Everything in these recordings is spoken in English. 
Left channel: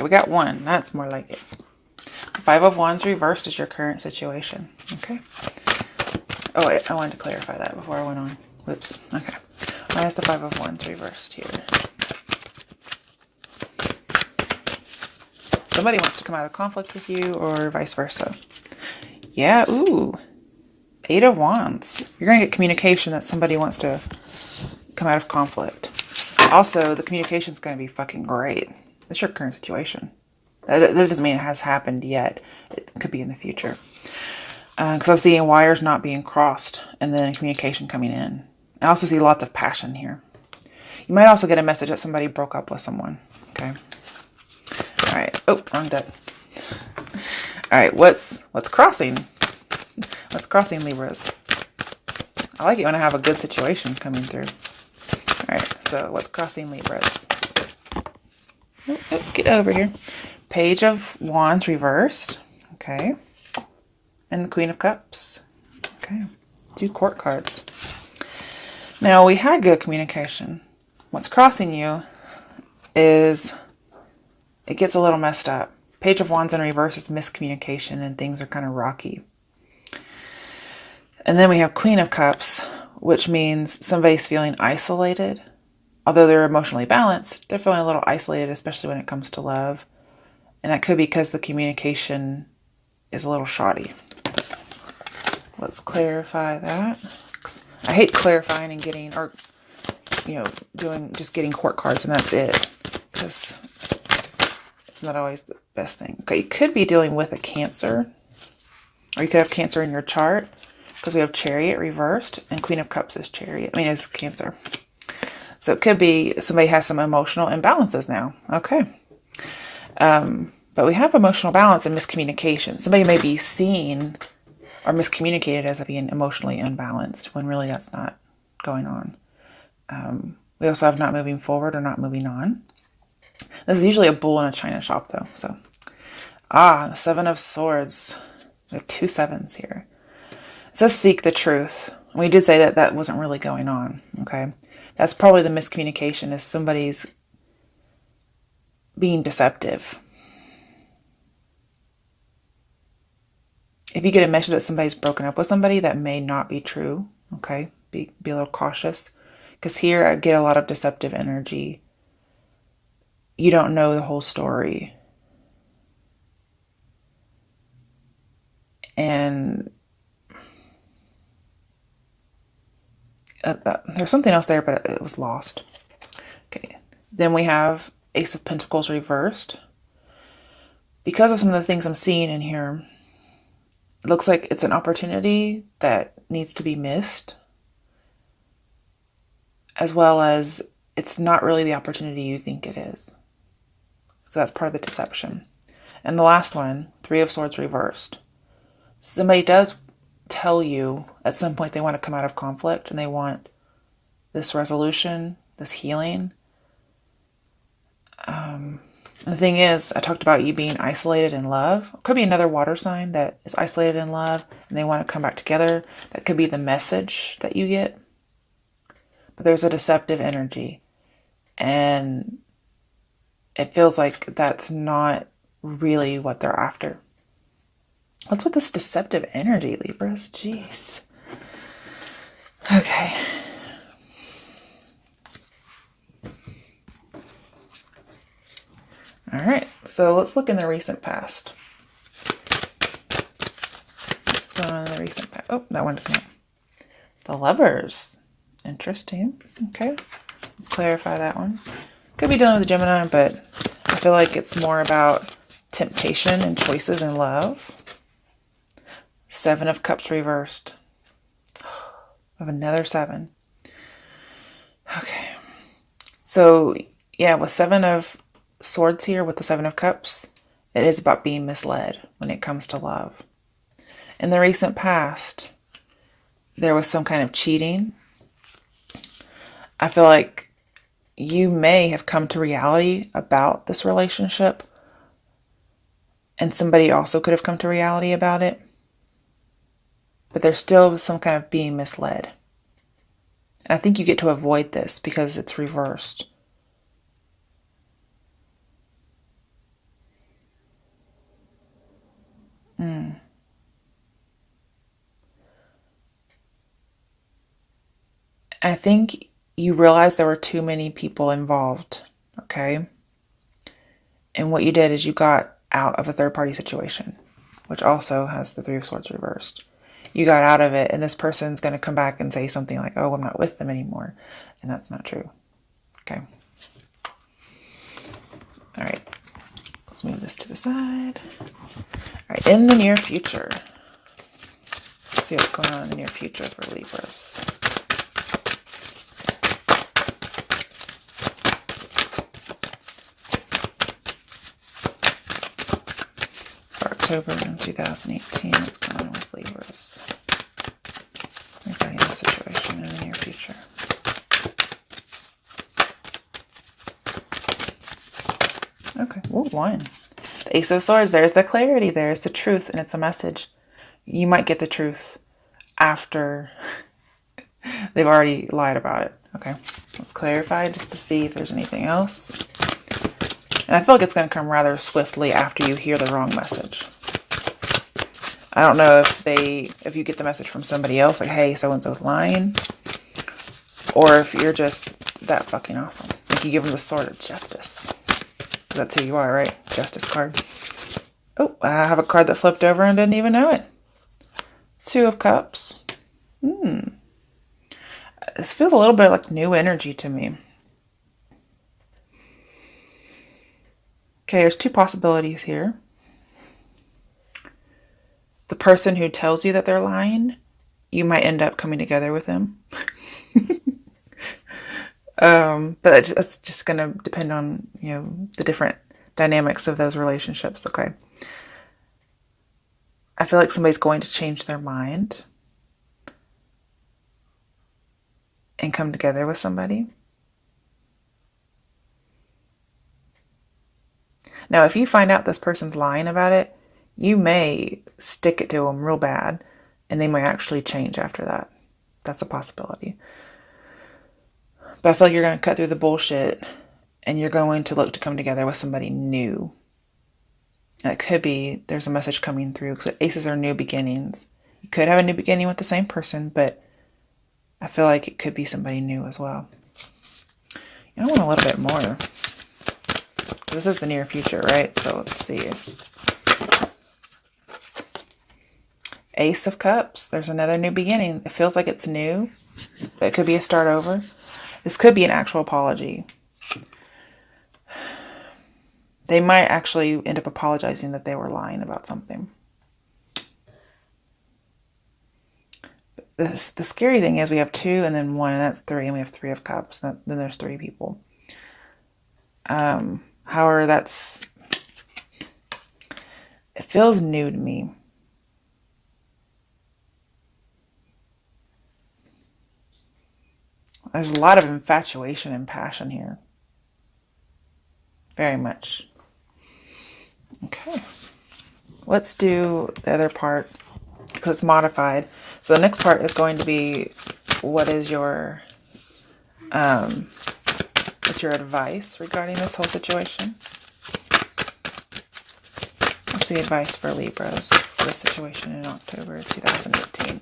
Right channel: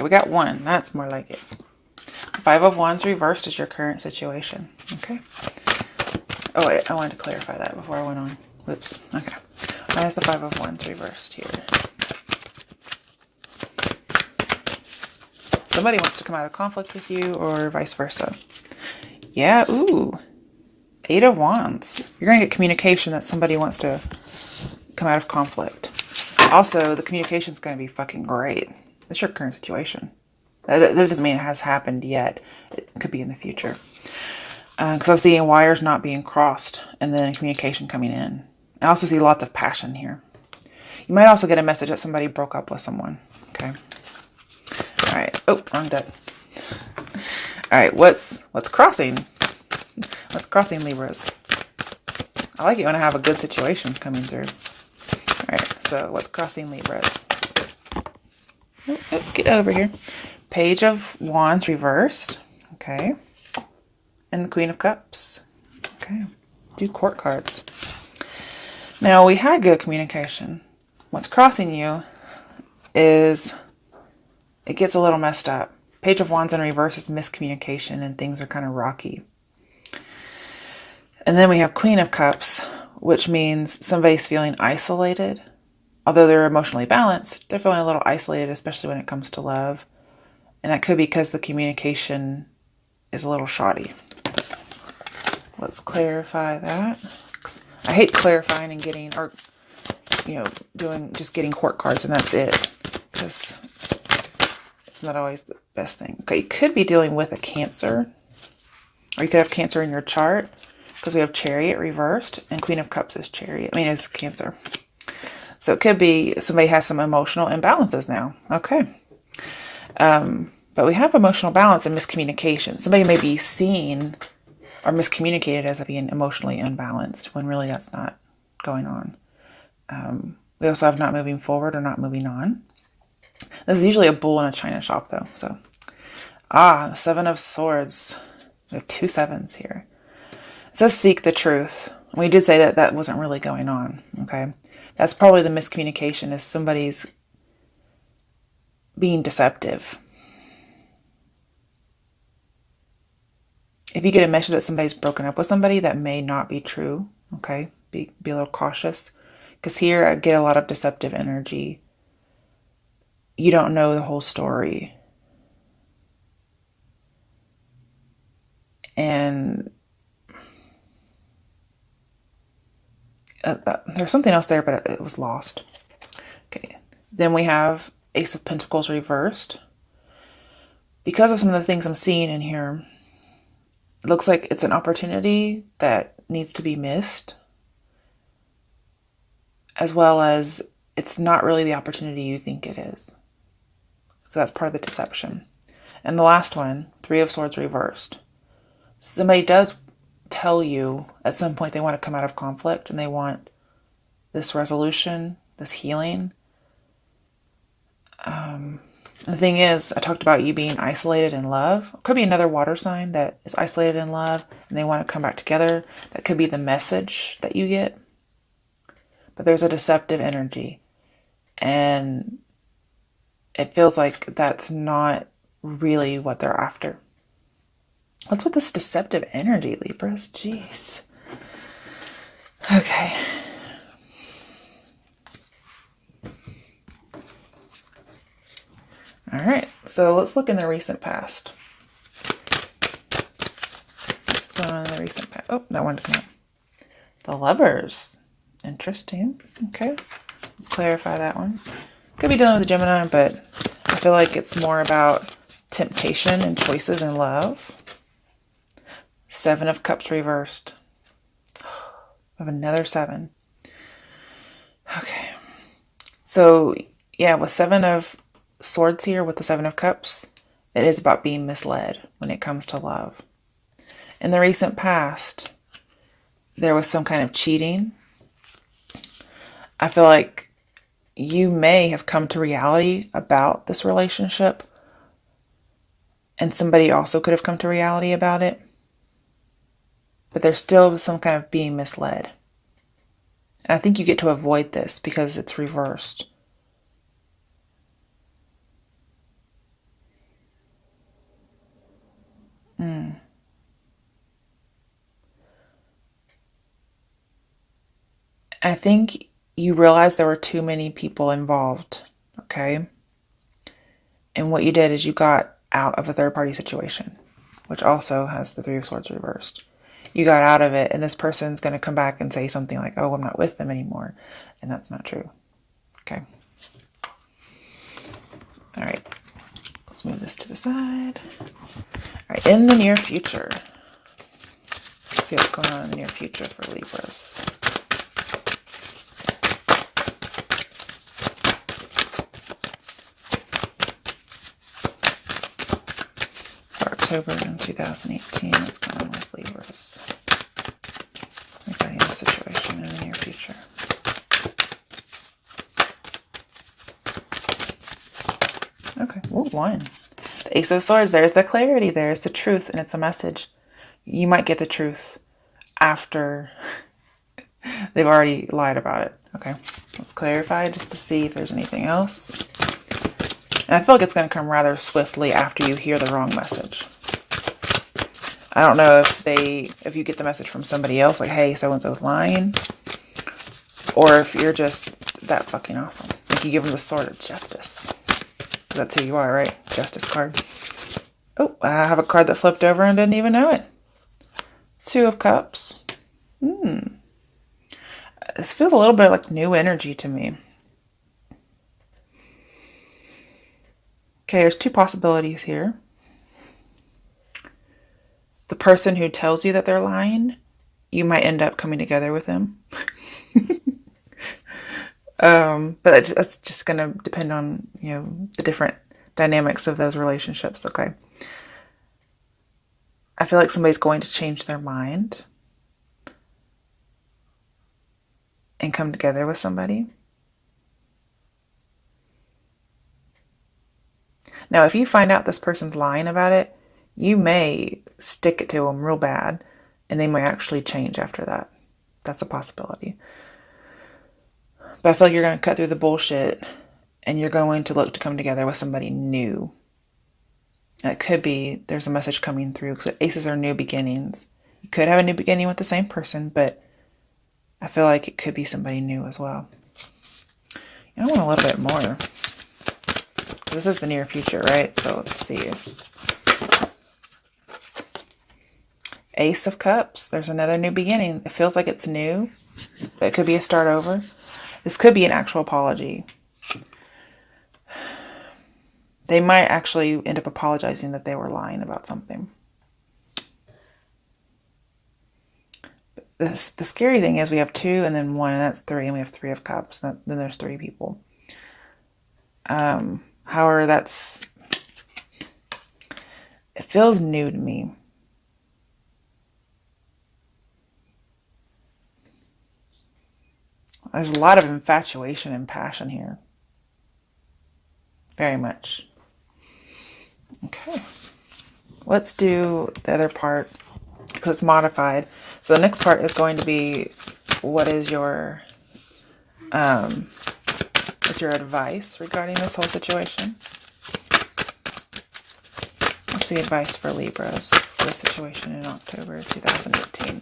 Okay, we got 1. That's more like it. 5 of Wands reversed is your current situation. Okay. Oh, wait. I wanted to clarify that before I went on. Whoops. Okay. Why is the 5 of Wands reversed here? Somebody wants to come out of conflict with you or vice versa. Yeah. Ooh. 8 of Wands. You're going to get communication that somebody wants to come out of conflict. Also, the communication is going to be fucking great. That's your current situation. That doesn't mean it has happened yet. It could be in the future. Because I'm seeing wires not being crossed and then communication coming in. I also see lots of passion here. You might also get a message that somebody broke up with someone. Okay. All right. Oh, wrong deck. All right. What's crossing? What's crossing, Libras? I like it when I have a good situation coming through. All right. So what's crossing, Libras? Oh, get over here. Page of Wands reversed. Okay. And the Queen of Cups. Okay. 2 court cards. Now, we had good communication. What's crossing you is it gets a little messed up. Page of Wands in reverse is miscommunication and things are kind of rocky. And then we have Queen of Cups, which means somebody's feeling isolated. Although they're emotionally balanced, they're feeling a little isolated, especially when it comes to love. And that could be because the communication is a little shoddy. Let's clarify that. I hate clarifying and getting, or, just getting court cards and that's it. Because it's not always the best thing. Okay, you could be dealing with a Cancer. Or you could have Cancer in your chart. Because we have Chariot reversed. And Queen of Cups is Chariot. Is Cancer. So it could be somebody has some emotional imbalances now. Okay. But we have emotional balance and miscommunication. Somebody may be seen or miscommunicated as being emotionally unbalanced when really that's not going on. We also have not moving forward or not moving on. This is usually a bull in a china shop though. So, the 7 of Swords. We have 2 7s here. It says seek the truth. We did say that wasn't really going on. Okay. That's probably the miscommunication is somebody's being deceptive. If you get a message that somebody's broken up with somebody, that may not be true. Okay. Be a little cautious. Because here I get a lot of deceptive energy. You don't know the whole story. And there's something else there, but it was lost. Okay. Then we have Ace of Pentacles reversed. Because of some of the things I'm seeing in here, it looks like it's an opportunity that needs to be missed. As well as it's not really the opportunity you think it is. So that's part of the deception. And the last one, 3 of Swords reversed. Somebody does tell you at some point they want to come out of conflict and they want this resolution, this healing. The thing is, I talked about you being isolated in love. It could be another water sign that is isolated in love and they want to come back together. That could be the message that you get. But there's a deceptive energy. And it feels like that's not really what they're after. What's with this deceptive energy, Libras? Jeez. Okay. All right. So let's look in the recent past. What's going on in the recent past? Oh, that one didn't come out. The Lovers. Interesting. Okay. Let's clarify that one. Could be dealing with a Gemini, but I feel like it's more about temptation and choices in love. 7 of Cups reversed. I have another 7. Okay. So, yeah, with 7 of Swords here, with the 7 of Cups, it is about being misled when it comes to love. In the recent past, there was some kind of cheating. I feel like you may have come to reality about this relationship, and somebody also could have come to reality about it. But there's still some kind of being misled. And I think you get to avoid this because it's reversed. I think you realized there were too many people involved, okay? And what you did is you got out of a third party situation, which also has the Three of Swords reversed. You got out of it, and this person's going to come back and say something like, oh, I'm not with them anymore. And that's not true. Okay. All right. Let's move this to the side. All right. In the near future. Let's see what's going on in the near future for Libras. For October 2018, what's going on with Libras? Regarding the situation in the near future. Okay, what one? The Ace of Swords, there's the clarity, there's the truth, and it's a message. You might get the truth after they've already lied about it. Okay, let's clarify just to see if there's anything else. And I feel like it's going to come rather swiftly after you hear the wrong message. I don't know if you get the message from somebody else, like, hey, so-and-so's lying, or if you're just that fucking awesome. Like you give them the Sword of Justice. That's who you are, right? Justice card. Oh, I have a card that flipped over and didn't even know it. Two of Cups. This feels a little bit like new energy to me. Okay, there's two possibilities here. The person who tells you that they're lying, you might end up coming together with them. But that's just going to depend on, the different dynamics of those relationships, okay? I feel like somebody's going to change their mind and come together with somebody. Now, if you find out this person's lying about it, you may stick it to them real bad, and they might actually change after that. That's a possibility. But I feel like you're going to cut through the bullshit, and you're going to look to come together with somebody new. It could be there's a message coming through, because aces are new beginnings. You could have a new beginning with the same person, but I feel like it could be somebody new as well. I want a little bit more. This is the near future, right? So let's see. Ace of Cups. There's another new beginning. It feels like it's new, but it could be a start over. This could be an actual apology. They might actually end up apologizing that they were lying about something. The scary thing is we have 2 and then 1, and that's 3, and we have 3 of Cups. Then there's 3 people. However, it feels new to me. There's a lot of infatuation and passion here. Very much. Okay. Let's do the other part because it's modified. So the next part is going to be what is your what's your advice regarding this whole situation? What's the advice for Libras for the situation in October 2018?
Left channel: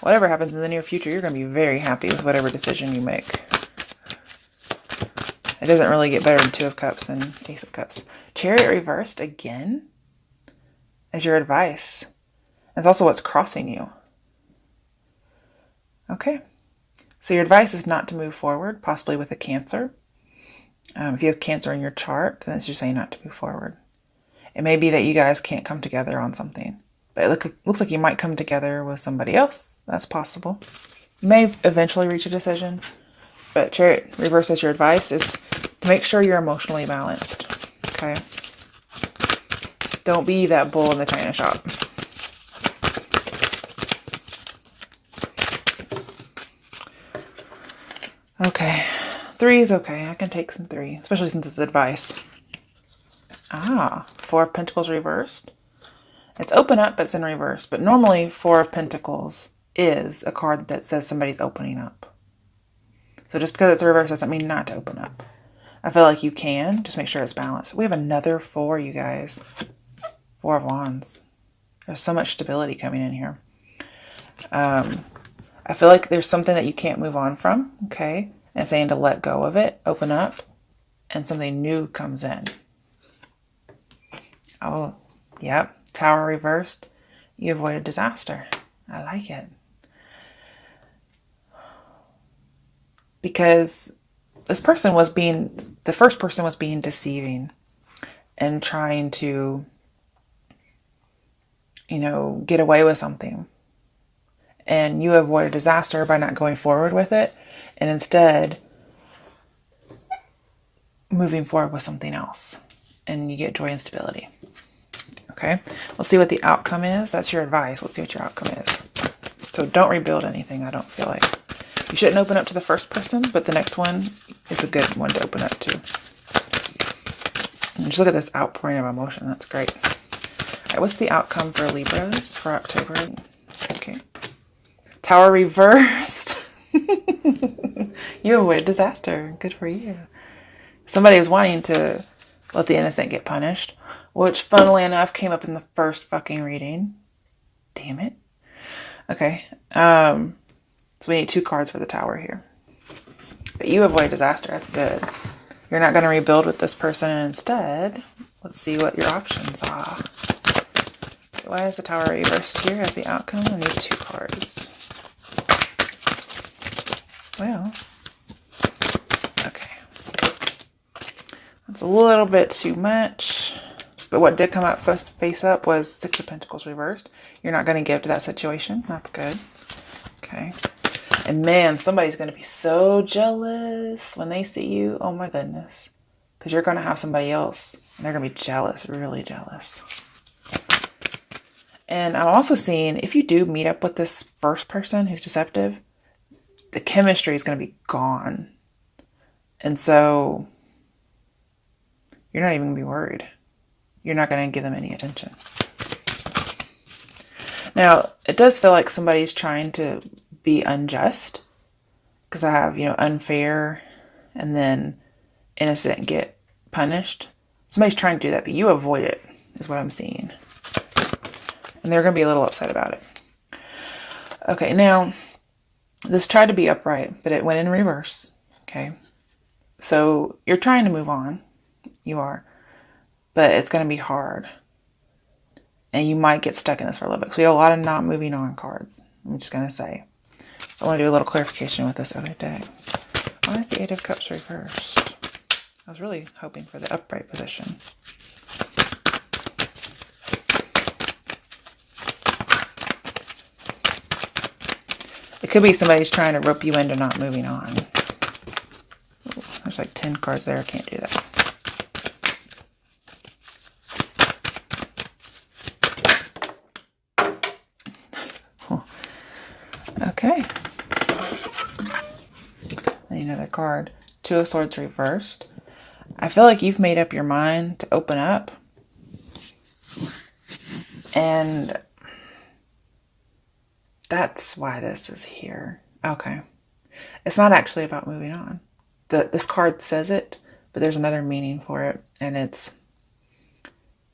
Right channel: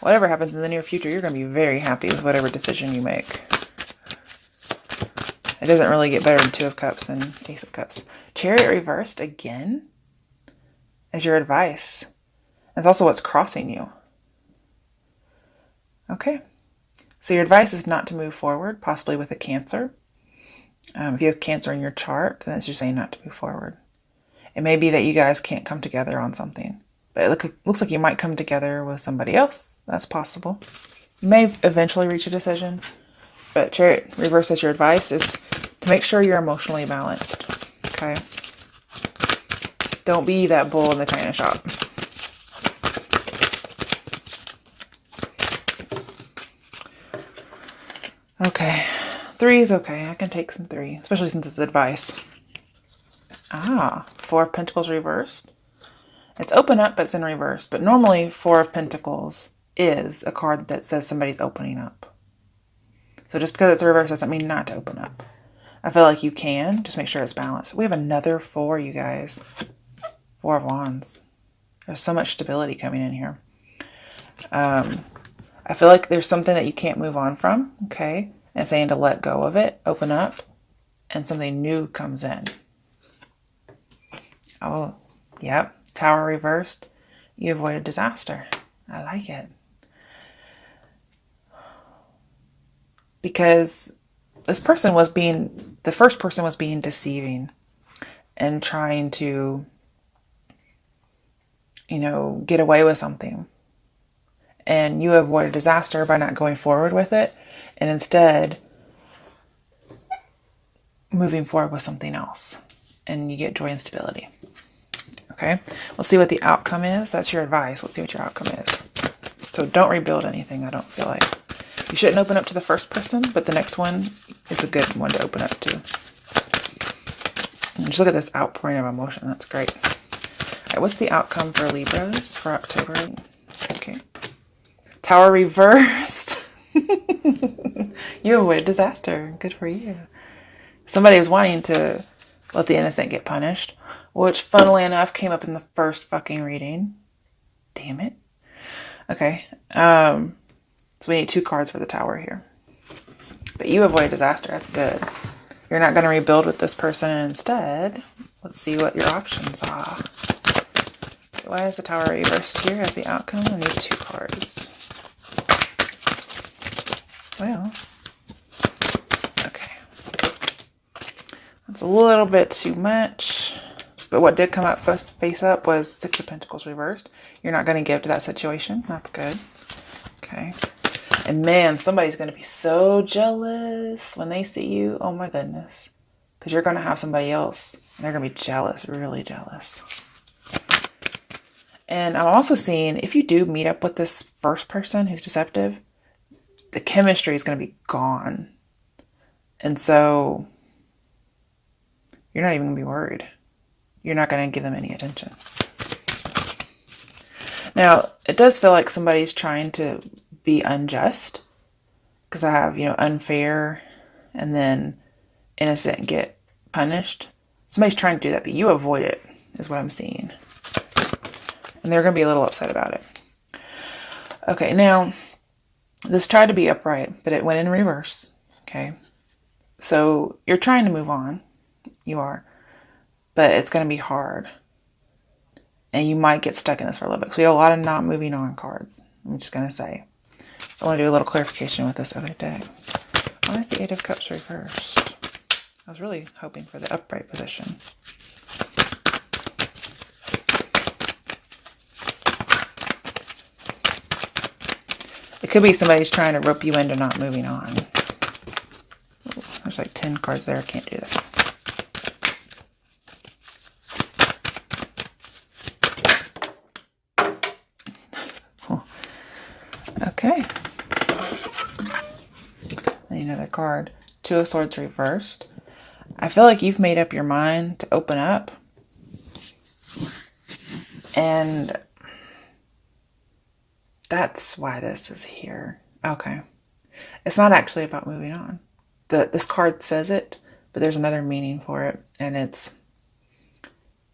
Whatever happens in the near future, you're going to be very happy with whatever decision you make. It doesn't really get better than 2 of Cups and Ace of Cups. Chariot reversed again as your advice. That's also what's crossing you. Okay. So your advice is not to move forward, possibly with a Cancer. If you have Cancer in your chart, then it's just saying not to move forward. It may be that you guys can't come together on something. But it looks like you might come together with somebody else. That's possible. You may eventually reach a decision. But Chariot reverse as your advice is to make sure you're emotionally balanced. Okay? Don't be that bull in the china shop. Okay. 3 is okay. I can take some 3. Especially since it's advice. 4 of Pentacles reversed. It's open up, but it's in reverse. But normally, 4 of Pentacles is a card that says somebody's opening up. So just because it's reversed doesn't mean not to open up. I feel like you can. Just make sure it's balanced. We have another 4, you guys. 4 of Wands. There's so much stability coming in here. I feel like there's something that you can't move on from, okay? And saying to let go of it, open up, and something new comes in. Oh, yep. Tower reversed. You avoided disaster. I like it. Because this person was the first person was being deceiving and trying to, get away with something. And you avoid a disaster by not going forward with it and instead moving forward with something else. And you get joy and stability. Okay, let's see what the outcome is. That's your advice. Let's see what your outcome is. So don't rebuild anything, I don't feel like. You shouldn't open up to the first person, but the next one is a good one to open up to. Just look at this outpouring of emotion. That's great. All right, what's the outcome for Libras for October? Okay. Tower reversed. You avoided disaster. Good for you. Somebody is wanting to let the innocent get punished, which funnily enough came up in the first fucking reading. Damn it. Okay. So we need 2 cards for the Tower here. But you avoid disaster. That's good. You're not going to rebuild with this person. Instead, let's see what your options are. Why is the Tower reversed here as the outcome? I need 2 cards. Well, okay. That's a little bit too much. But what did come out face up was 6 of Pentacles reversed. You're not going to give to that situation. That's good. Okay. And man, somebody's going to be so jealous when they see you. Oh my goodness. Because you're going to have somebody else. And they're going to be jealous, really jealous. And I'm also seeing, if you do meet up with this first person who's deceptive, the chemistry is going to be gone. And so, you're not even going to be worried. You're not going to give them any attention. Now, it does feel like somebody's trying to be unjust. Because I have, unfair and then innocent get punished. Somebody's trying to do that, but you avoid it, is what I'm seeing. And they're going to be a little upset about it. Okay, now, this tried to be upright, but it went in reverse. Okay. So, you're trying to move on. You are. But it's going to be hard. And you might get stuck in this for a little bit. So, we have a lot of not moving on cards. I'm just going to say. I want to do a little clarification with this other day. Why is the 8 of Cups reversed? I was really hoping for the upright position. It could be somebody's trying to rope you into not moving on. Ooh, there's like 10 cards there. I can't do that. Okay. Another card. 2 of Swords reversed. I feel like you've made up your mind to open up. And that's why this is here. Okay. It's not actually about moving on. This card says it, but there's another meaning for it. And it's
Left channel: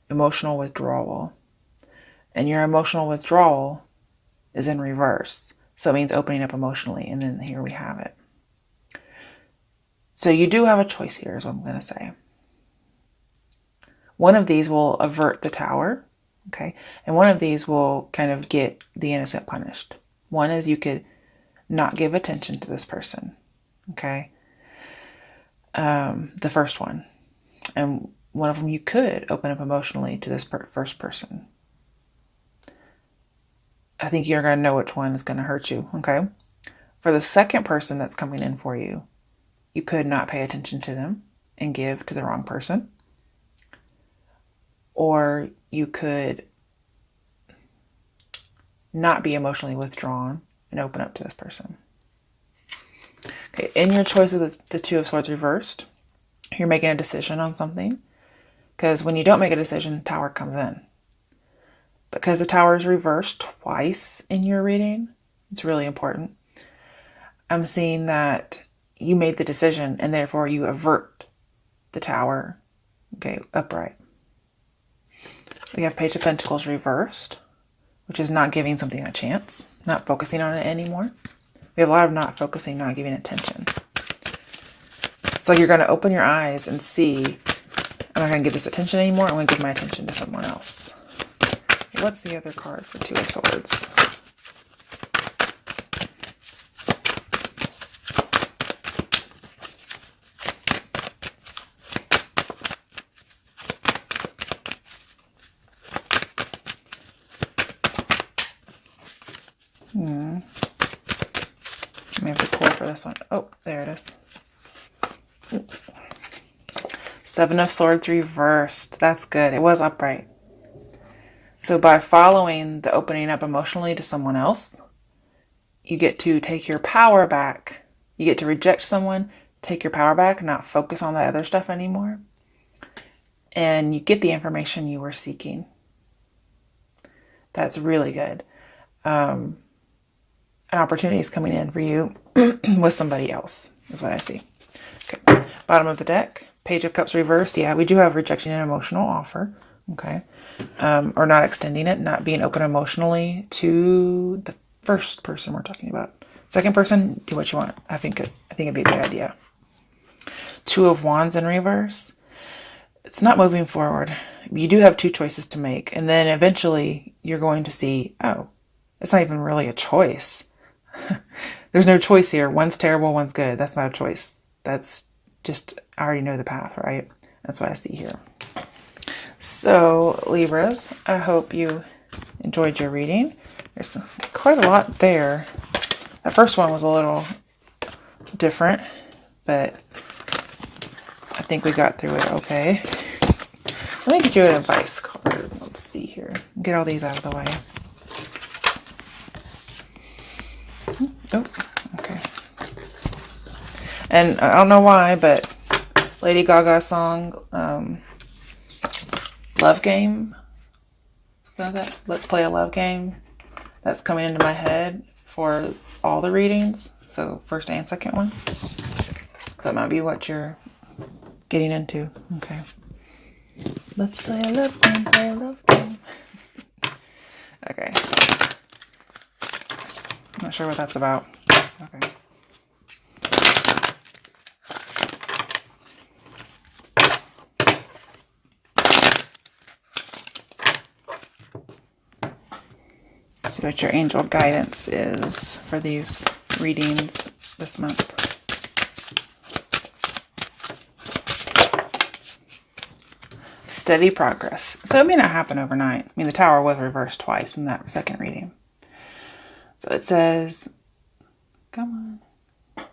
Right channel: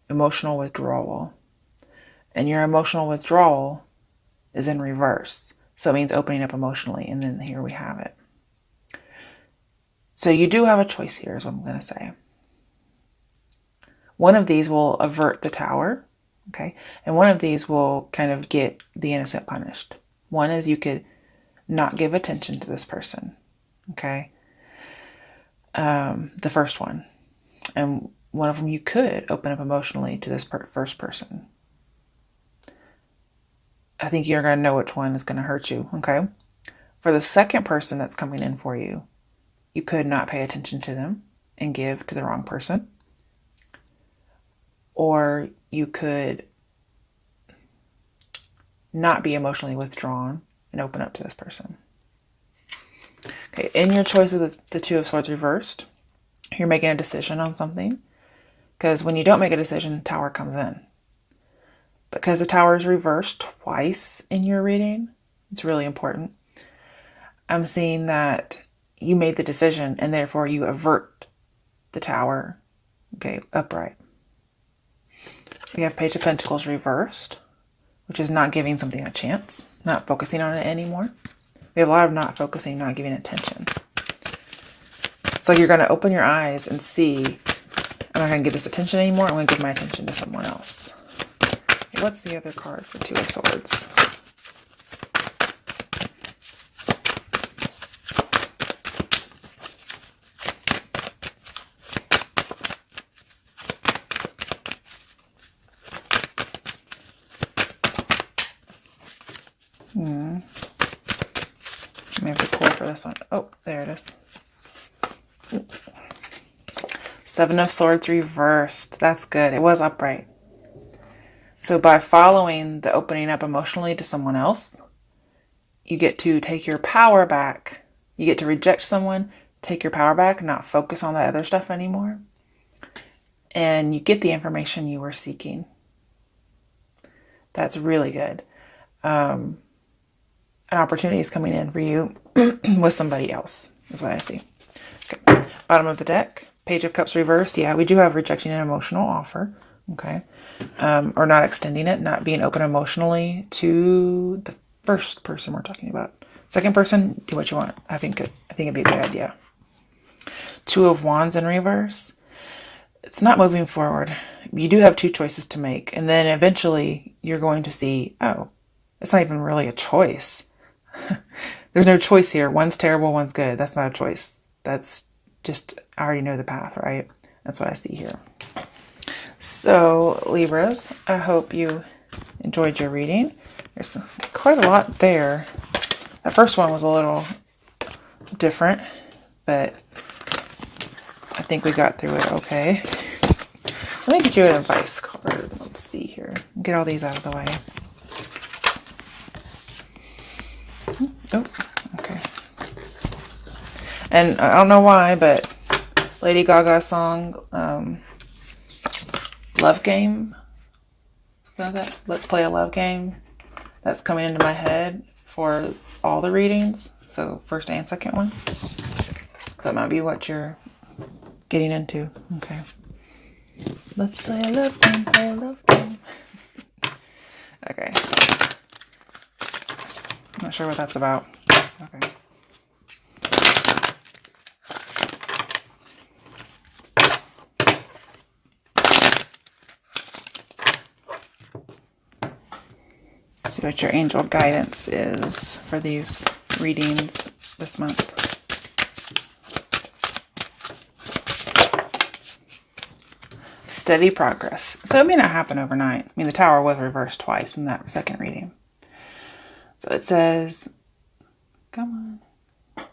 emotional withdrawal. And your emotional withdrawal is in reverse. So it means opening up emotionally. And then here we have it. So you do have a choice here, is what I'm going to say. One of these will avert the Tower, okay? And one of these will kind of get the innocent punished. One is you could not give attention to this person, okay? The first one. And one of them you could open up emotionally to this first person. I think you're going to know which one is going to hurt you, okay? For the second person that's coming in for you, you could not pay attention to them and give to the wrong person. Or you could not be emotionally withdrawn and open up to this person. Okay, in your choice of the 2 of Swords reversed, you're making a decision on something. Because when you don't make a decision, Tower comes in. Because the Tower is reversed twice in your reading, it's really important. I'm seeing that you made the decision and therefore you avert the Tower. Okay, upright. We have Page of Pentacles reversed, which is not giving something a chance, not focusing on it anymore. We have a lot of not focusing, not giving attention. So you're going to open your eyes and see, I'm not going to give this attention anymore. I'm going to give my attention to someone else. Okay, what's the other card for Two of Swords? I have to pull for this one. Oh, there it is. Seven of Swords reversed. That's good. It was upright. So by following the opening up emotionally to someone else, you get to take your power back. You get to reject someone, take your power back, not focus on the other stuff anymore. And you get the information you were seeking. That's really good. An opportunity is coming in for you with somebody else, is what I see. Okay. Bottom of the deck, Page of Cups reversed. Yeah, we do have rejecting an emotional offer. Okay. Or not extending it, not being open emotionally to the first person we're talking about. Second person, do what you want. I think it'd be a good idea. Two of Wands in reverse. It's not moving forward. You do have two choices to make. And then eventually you're going to see, oh, it's not even really a choice. There's no choice here. One's terrible, one's good. That's not a choice. That's just, I already know the path, right? That's what I see here. So, Libras, I hope you enjoyed your reading. There's quite a lot there. That first one was a little different, but I think we got through it okay. Let me get you an advice card. Let's see here. Get all these out of the way. Oh, okay. And I don't know why, but Lady Gaga's song, Love Game, Let's Play a Love Game, that's coming into my head for all the readings, so first and second one. That might be what you're getting into. Okay. Let's play a love game, play a love game. Okay. I'm not sure what that's about. Okay. See what your angel guidance is for these readings this month. Steady progress. So it may not happen overnight. I mean, the Tower was reversed twice in that second reading. So it says, come on.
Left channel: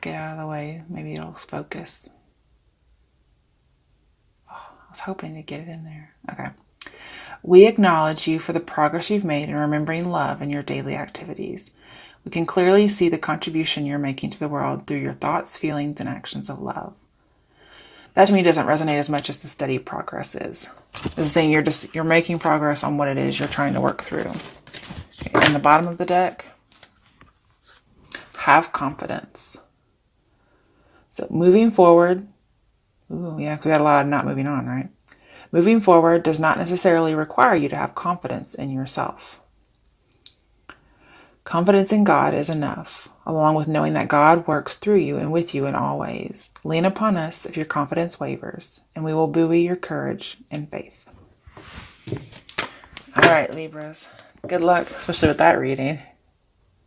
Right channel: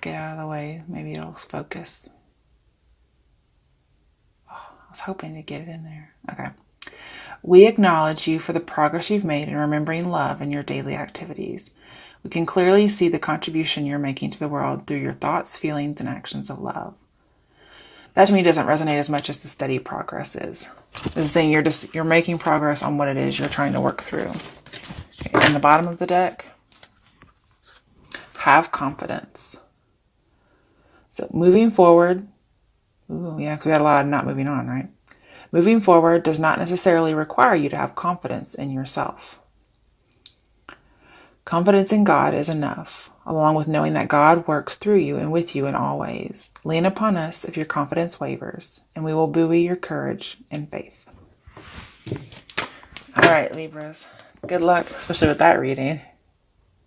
Get out of the way. Maybe it'll focus. I was hoping to get it in there. Okay. We acknowledge you for the progress you've made in remembering love in your daily activities. We can clearly see the contribution you're making to the world through your thoughts, feelings, and actions of love. That to me doesn't resonate as much as the steady progress is. This is saying you're making progress on what it is you're trying to work through. Okay, on the bottom of the deck, have confidence. So moving forward, ooh, yeah, we had a lot of not moving on, right? Moving forward does not necessarily require you to have confidence in yourself. Confidence in God is enough, along with knowing that God works through you and with you in all ways. Lean upon us if your confidence wavers, and we will buoy your courage and faith. All right, Libras. Good luck, especially with that reading.